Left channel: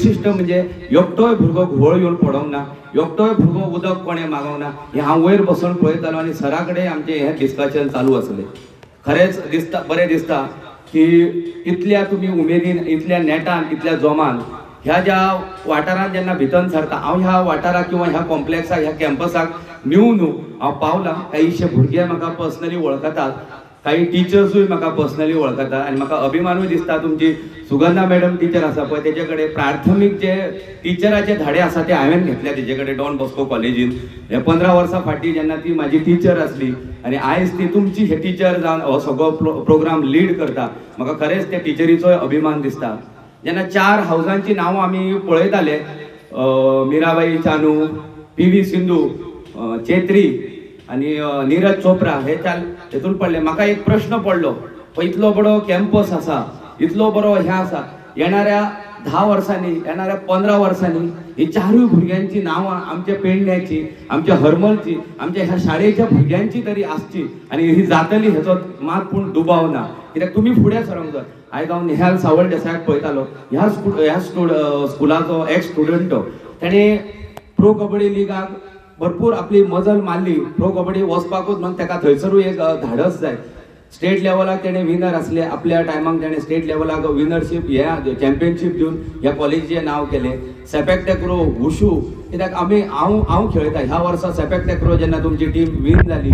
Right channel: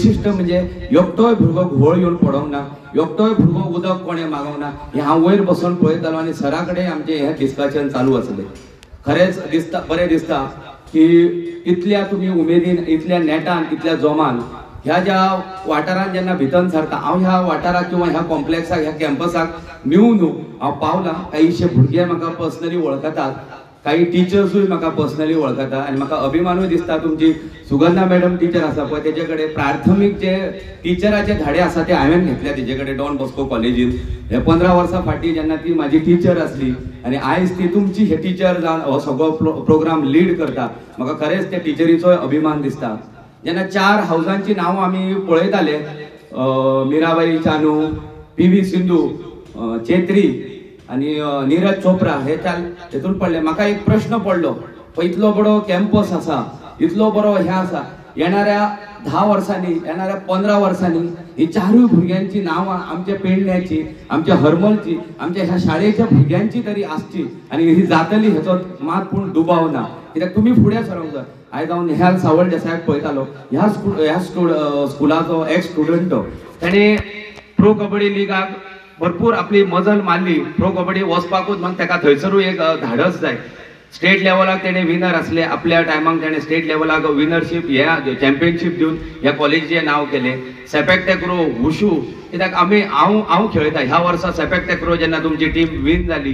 वैशिष्ट्य म्हणजे एकटोय भुरगो घुवळ येवन पडोंक ना, एकटोय भुरगो उदक कोणे मागोंक ना. हे हांव वयर बसून पळयतालो आनी सरा कडेन आमचें हें डिस्कशन चालू आसलें. खरेंच दिसता, बरें दिसता की इतल्या तुमी उमेदीन, इतल्या नेटान, इतल्या जोमान ह्या ज्या वाठारांत जेन्ना भितर सरता, हांव ह्या वाठाराक किंवा ह्या कॉम्प्लेक्साक, ह्या कॅम्पसाक न्यू हांव पावलां. काहीशे भुरगे म्हाका पर्सनली वळखतात, काही टिचर्सूय म्हाका पर्सनली वळखता आनी म्हाका अभिमानूय दिसता. तुमची सुगंधा मॅडम टीचर आसा पळय, तेजे कडेन प्राथमीक जे टिचराचे धाडे आसा ते हांवें घेतल्या तेजे कडेन डॉन बॉस्को कॉलेजीन. हे 15 वर्सां फाटीं जेन्ना ती म्हाजी टीचर आसली आनी आयज ती तुमची हे टीचर जावन हो सगळो प्रोग्राम लीड करता, म्हाका खरेंच त्या टिचरीचोय अभिमान दिसता. जेन्ना 4 हावजांची नांवां आमी पळयताले, मिराबाई चानू, PV सिंधू, चेत्री आणि नीरज चोप्रा, हे हेतून पडले. म्हाका एक प्रश्न पडलो, इतलो बरो कॅम्पस आसा, इतलो बरो हे आसा, येणाऱ्या 10 वर्सांनी, येणाऱ्या 15 वर्सांनी ही 4 भुरग्यांची नांवां आमच्या पेडण्याची, आमच्या हरमलची, आमच्या ह्या शाळेच्या भुरग्यांची तरी आसची आनी ही जातली, हेचो मात पूण दुबाव ना. कित्याक तुमी फुडें सरोंक जाय. आयज हांव नेहाल सावळ देसायाक पळयतालो, ह्या स्कुलाचो एक्स स्टुडंट तो. ताणें प्रो कबड्डी लिगाक भरपूर आपली मजल मारली. प्रो कबड्डी वचपाकूच म्हण ताका थंयसरूय एक धाडस जाय. स्टेट लेवलाक तेणे विनर असले, आपल्या टायमाक तेणे स्टेट लेवलाक विनरशीप, हे चॅम्पियनशीप दिवन ह्या कॉलेजीचें नांव केलें. सेपॅक टॅक्रो, वुशू, कित्याक हांव खेळटा. ह्या वर्सा सेपॅक टॅक्रो जेन्ना तुमची टीम विन जाली,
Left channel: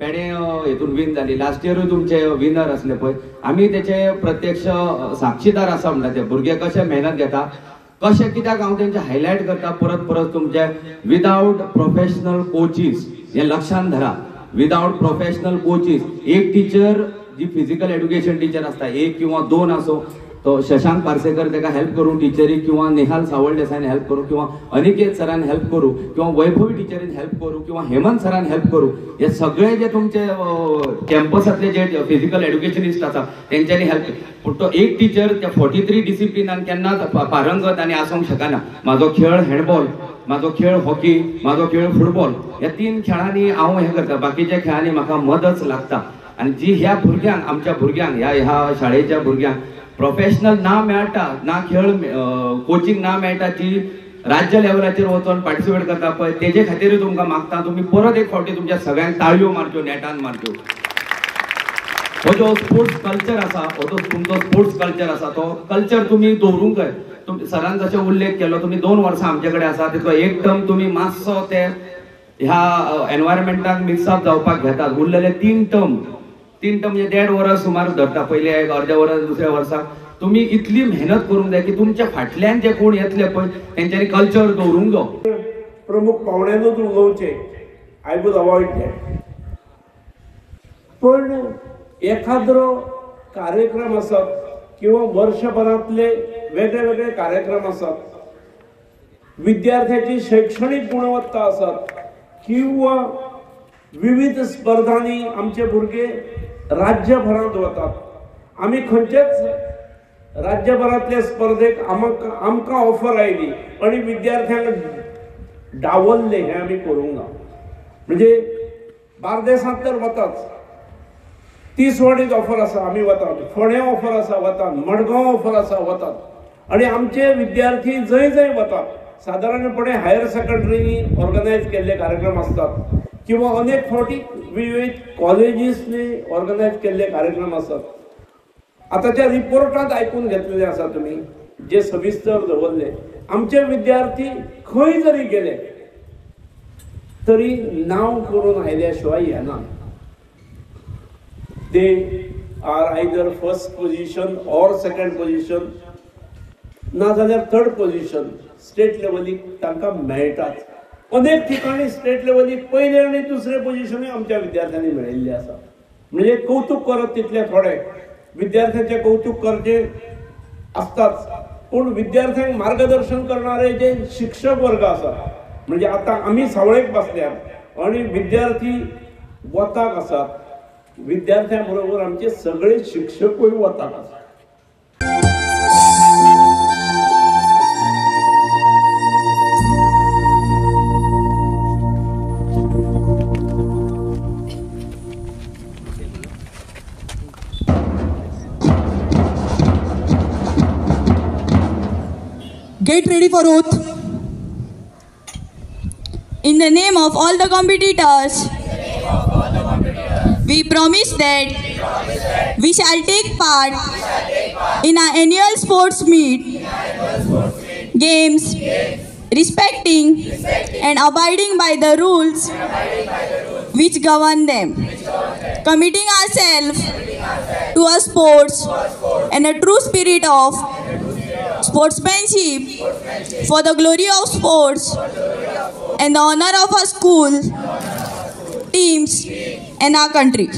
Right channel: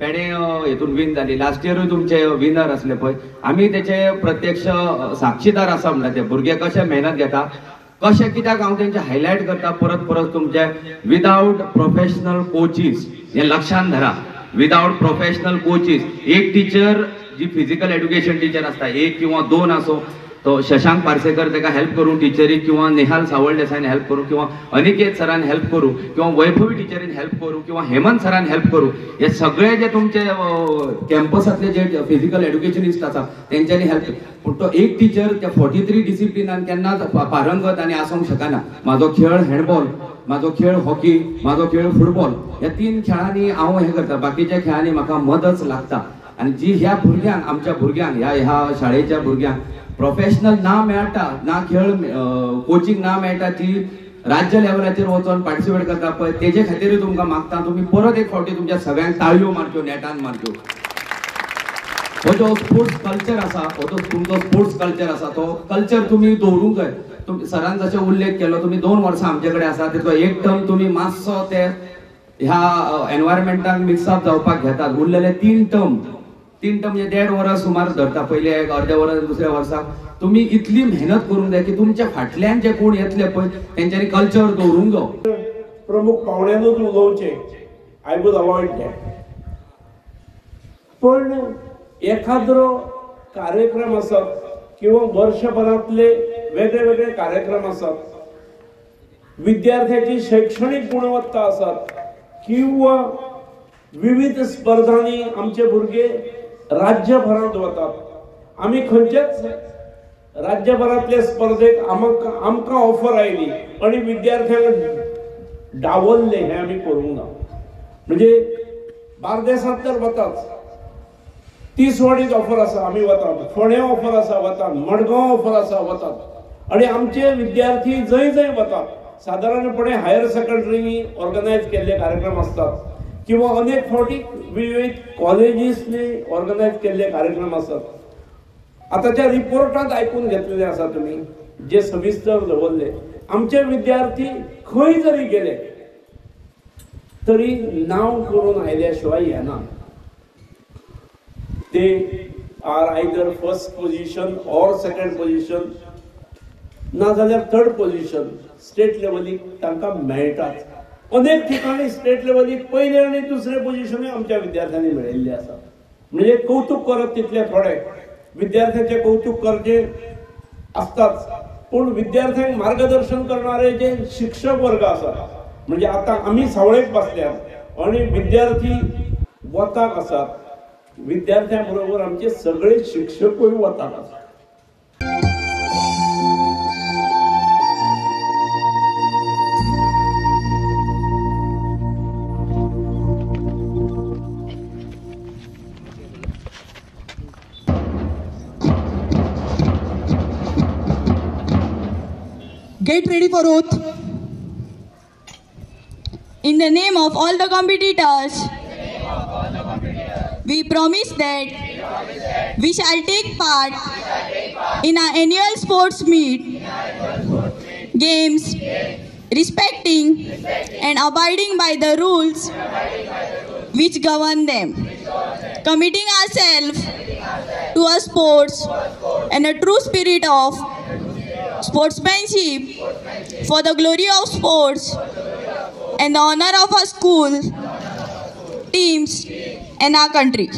पेडे हेतून विन जाली, लास्ट इयरूय तुमचे विनर असले पळय, आमी तेचे प्रत्यक्ष साक्षीदार आसा. म्हणटा ते भुरगे कशे मेहनत घेता, कशें, कित्याक हांव तेंचे हायलायट करता परत परत. तुमचे विदाउट प्रोफेशनल कोचीस, हे लक्षांत धरा, विदाउट प्रोफेशनल कोचीस. एक टीचर जी फिजिकल एड्युकेशन टीचर असता, 1 किंवा 2 असो, तो शशांक पार्सेकर ताका हेल्प करूं टीचरीक, किंवा नेहाल सावळ देसाईन हेल्प करूं, किंवा अनिकेत सरान हेल्प करूं, किंवा वैभवी टीचरीन हेल्प करूं, किंवा हेमंत सरान हेल्प करूं. हे सगळे जे तुमचे कॅम्पसातले जे फिजिकल एड्युकेशनिस्ट आसा तेंच्यांनी हेल्प. पूण तो एक टीचर त्या 43 डिसिप्लिनान केन्नाच पारंगत आनी आसूंक शकना. म्हाजो खेळ हँडबॉल, म्हाजो खेळ हॉकी, म्हाजो खेळ फुटबॉल, ह्या 3 खेळांनी हांव हें करता. बाकीच्या खेळांनी म्हाका मदच लागता. आनी जी ह्या भुरग्यांक, आमच्या भुरग्यांक, ह्या शाळेच्या भुरग्यांक प्रोफेशनल ना मेळटा, ना खेळ कोचिंग ना मेळटा, ती राज्य लेवलाचेर वचून पार्टिसिपेट करता पळय, तेजे खातीरूय तुमकां मागता तुमी परत एक फावटी तुमच्या सगळ्यांक ताळयो मारच्यो, नेटान मारच्यो. हो जो स्पोर्ट्स कल्चर आसा, हो जो तुमचो स्पोर्ट्स कल्चर आसा, तो कल्चर तुमी दवरूंक जाय. सरान जशें उल्लेख केलो, तुमी 2 वर्सां आमचे कडेन आसा, तितलो एक टर्म तुमी मातसो ते ह्या एनवायरमेंटाक मिक्सअप जावपाक घेतात. उरलेले 3 टर्म म्हणजे 1.5 वर्स सुमार धरता. पयले एक अर्द्या वर्स, दुसऱ्या वर्साक तुमी इतली मेहनत करूंक जाय की तुमच्या फाटल्यान जे कोण येतले पळय तेंच्यांनी कल्चर दवरूंक जाय. प्रमुख पावण्यानूच उलोवचें, आय वूड अवॉइड दॅट. पण एखादो कार्यक्रम आसत किंवा वर्षभरातले वेगळे वेगळे कार्यक्रम आसत, विद्यार्थ्याची शैक्षणिक गुणवत्ता आसत, किंवा विविध स्पर्धांनी आमचे भुरगे राज्यभरात वतात. आमी खंयचेच राज्यभरातले स्पर्धेक आमकां ऑफर आयली आणि विद्यार्थ्यांक डावलले, हे आमी करूंक ना. म्हणजे बार्देसांत तर वताच, तिसवाडीत ऑफर आसा, आमी वतात, फोंड्या ऑफर आसा, वतात, मडगांव ऑफर आसा, वतात. आणि आमचे विद्यार्थी जंय जंय वतात, साधारणपणे हायर सेकंडरी ऑर्गनायज केल्ले कार्यक्रम असतात, किंवा अनेक फावटी विविध कॉलेजीसने ऑर्गनायज केल्ले कार्यक्रम असतात. आताच्या रिपोर्टात ऐकून घेतलेले आसा तुम्ही, जे सविस्तर दवरले. आमचे विद्यार्थी खंय जरी गेले तरी नाव करून आयल्या शिवाय येना. ते are either first position or second position, ना जाल्यार थर्ड पोझिशन स्टेट लेवलीक तांकां मेळटाच. अनेक ठिकाणी स्टेट लेवलीक पहिले आणि दुसरे पोझिशन आमच्या विद्यार्थ्यांनी मेळिल्ले आसा. म्हणजे कौतुक करप तितले थोडे, विद्यार्थ्यांचे कौतुक करचे असताच, पण विद्यार्थ्यांक मार्गदर्शन करणारे जे शिक्षक वर्ग आसात, म्हणजे आता आम्ही सावळेक बसल्यात आणि विद्यार्थी वताक आसात, विद्यार्थ्यांबरोबर आमचे सगळे शिक्षकूय वताक आसात. Get ready for oath. In the name of all the competitors, we promise that we shall take part in our annual sports meet, games, respecting and abiding by the rules which govern them, committing ourselves to a sports and a true spirit of sportsmanship for the glory of sports and the honor of our school, teams, and our country.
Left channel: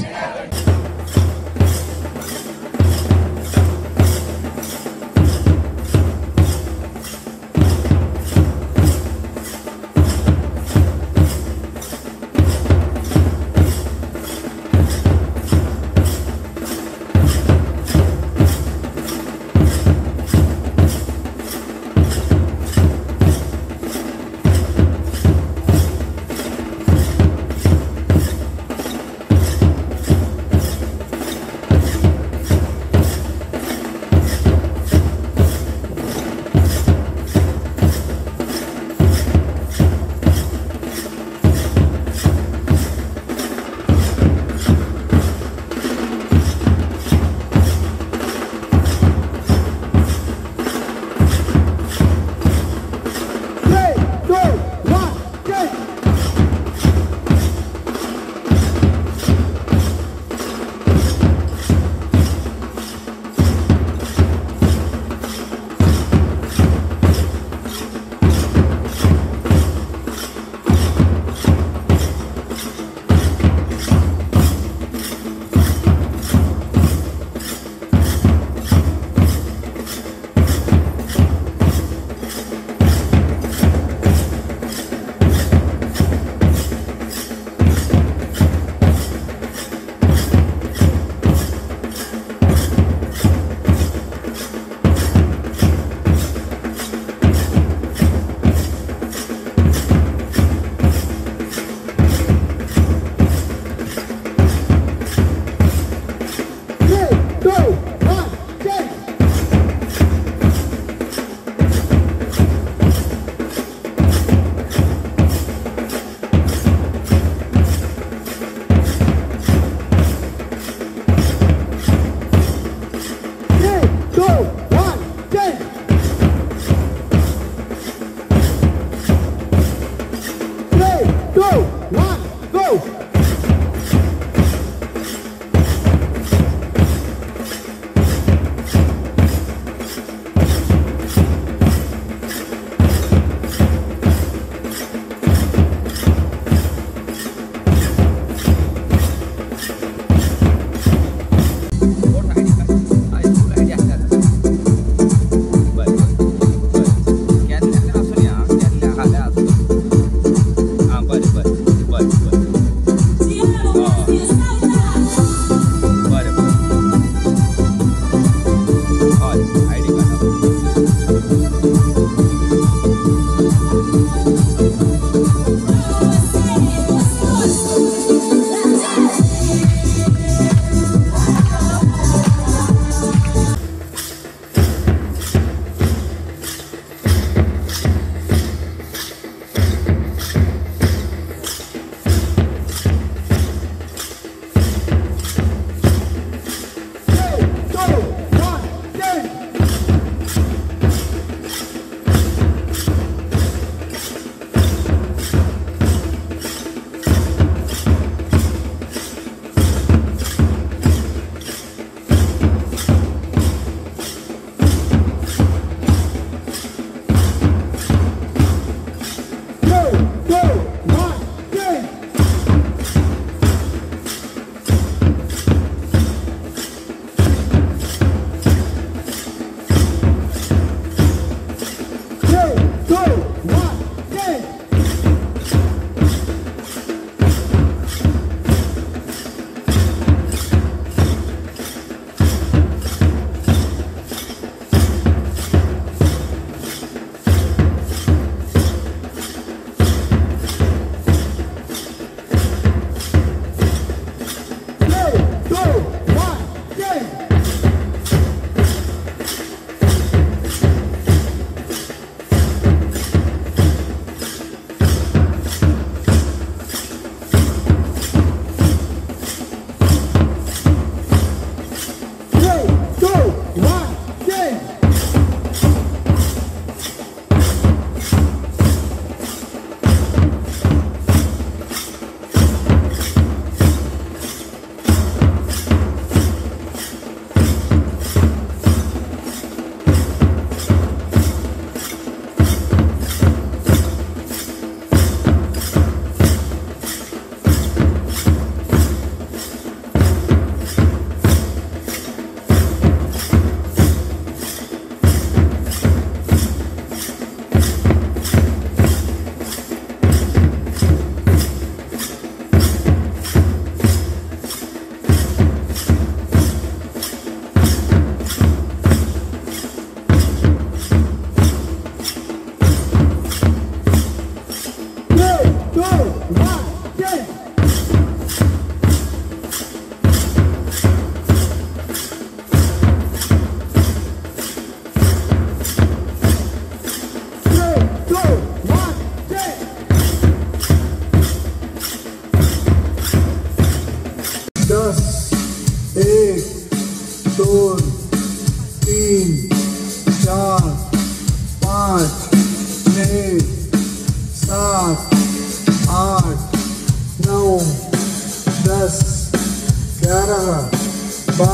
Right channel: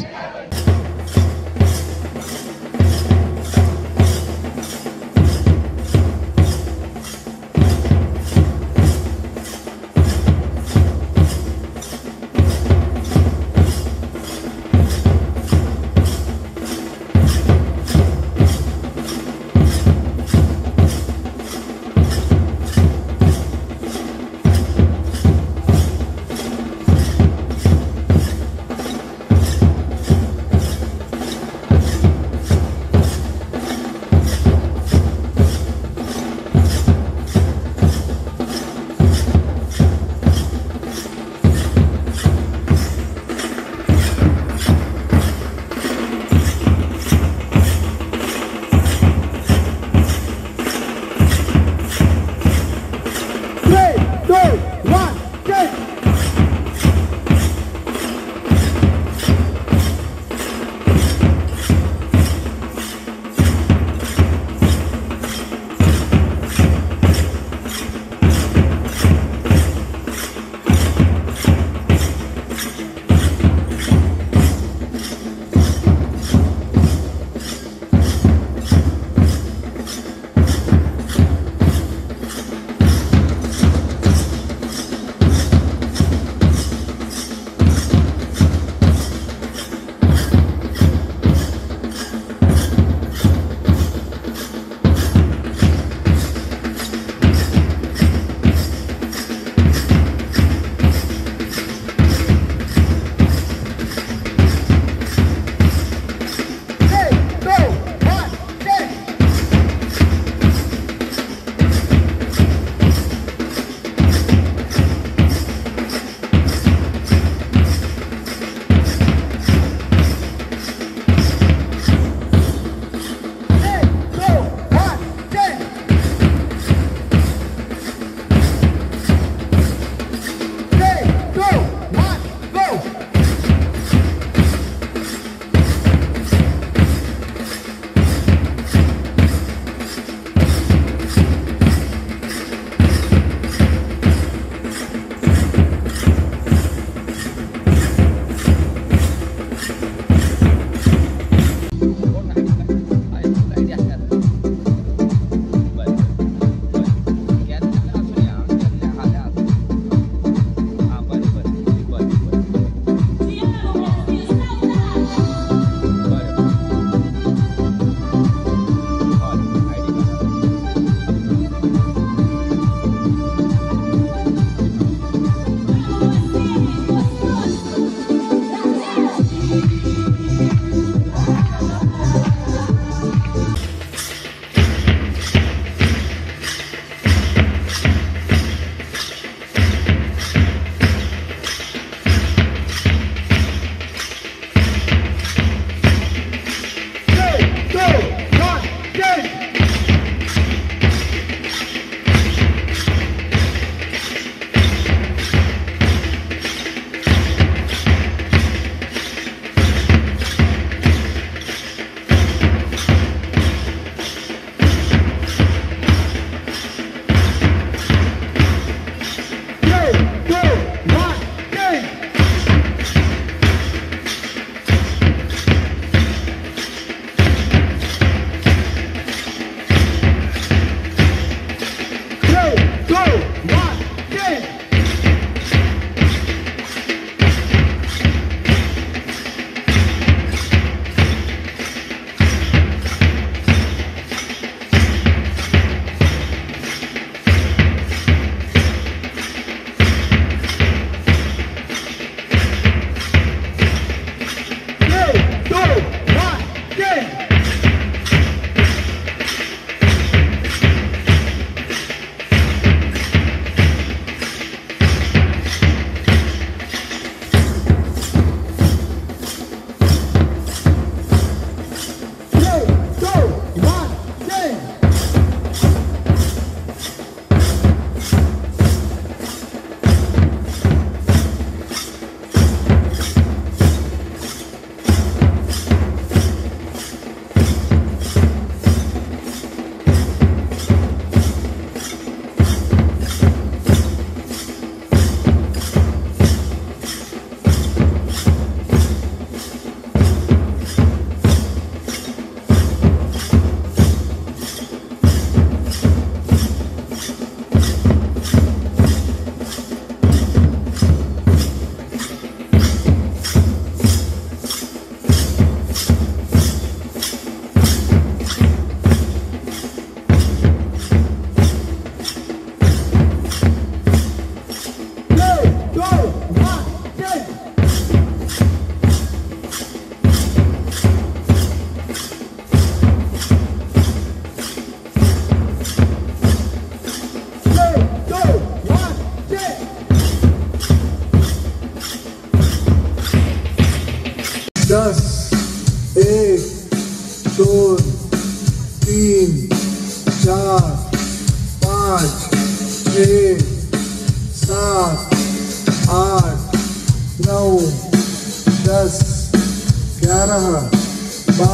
12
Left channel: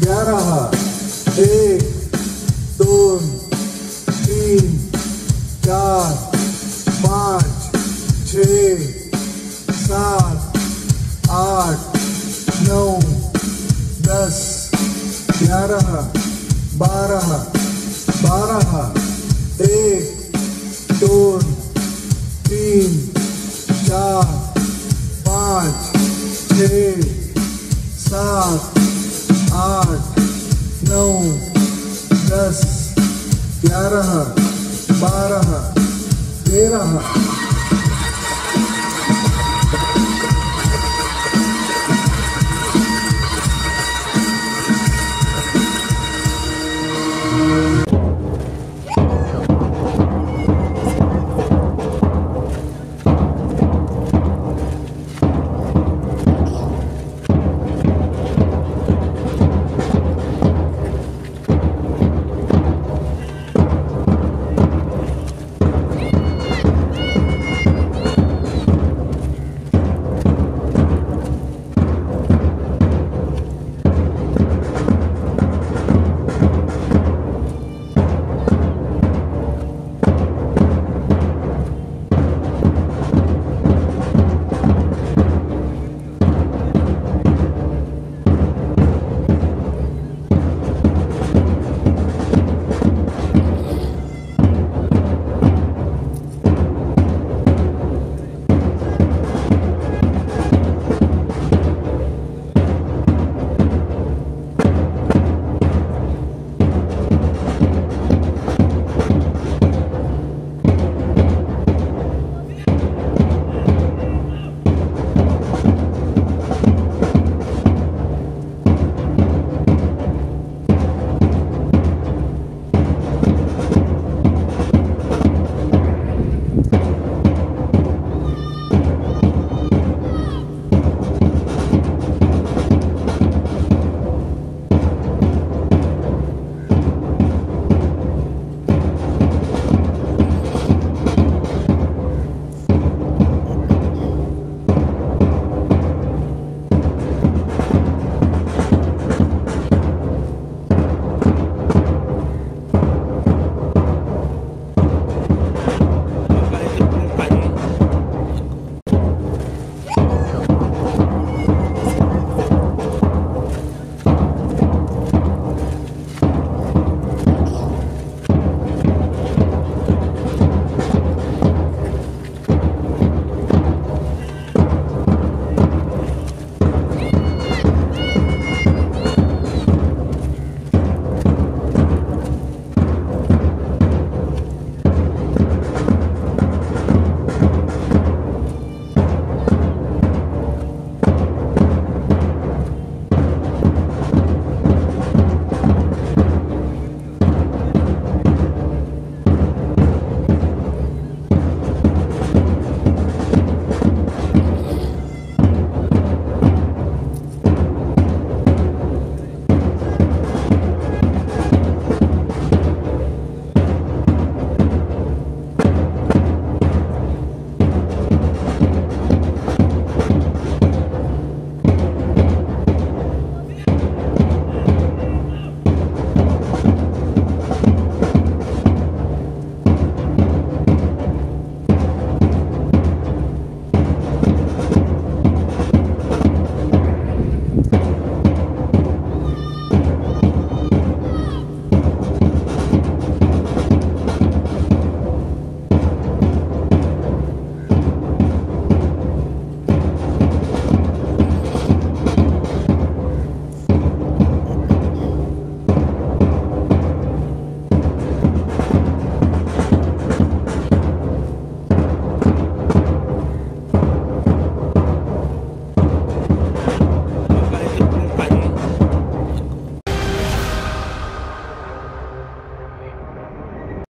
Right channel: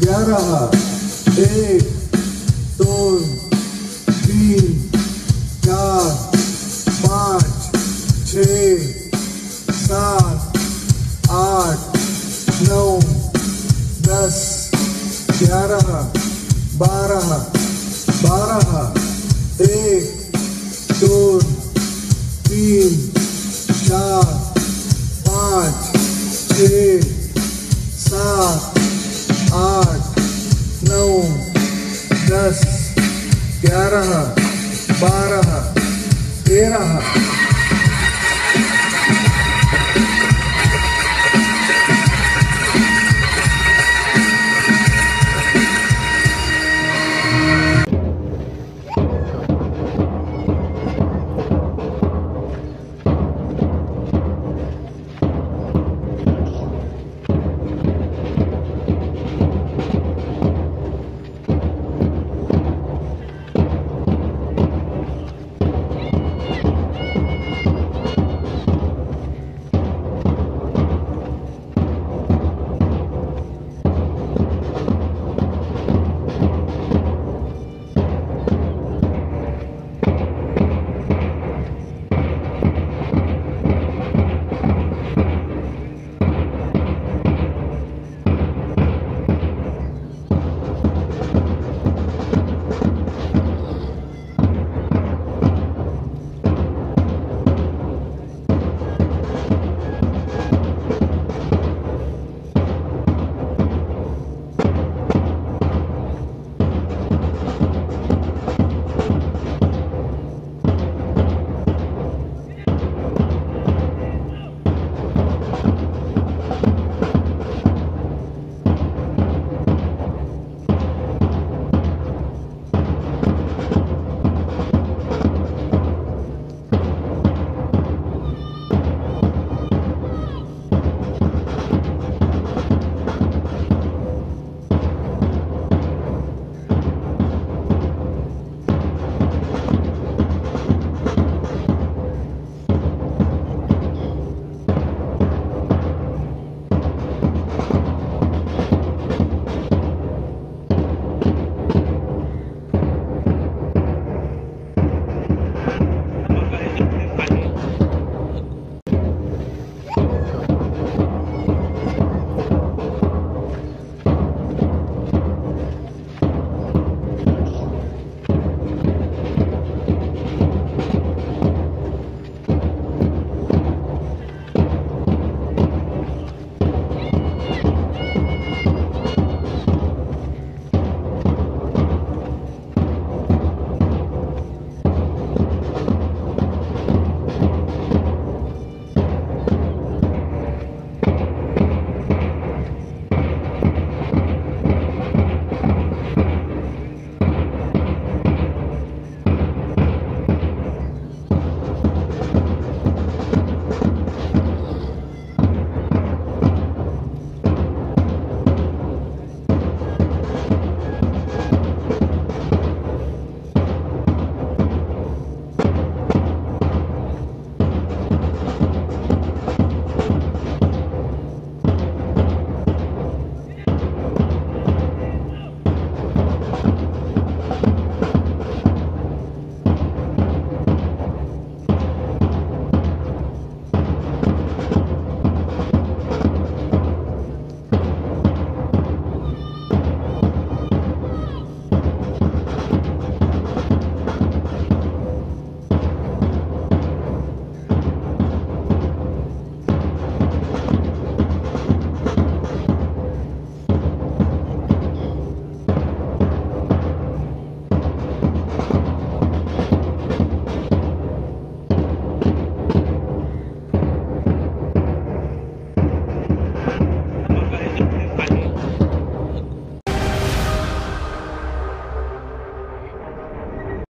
11 1 2 3 4 5 6 7 8 9 10 11 12 12 1 2 3 4 5 6 7 8 9 10 11 12 13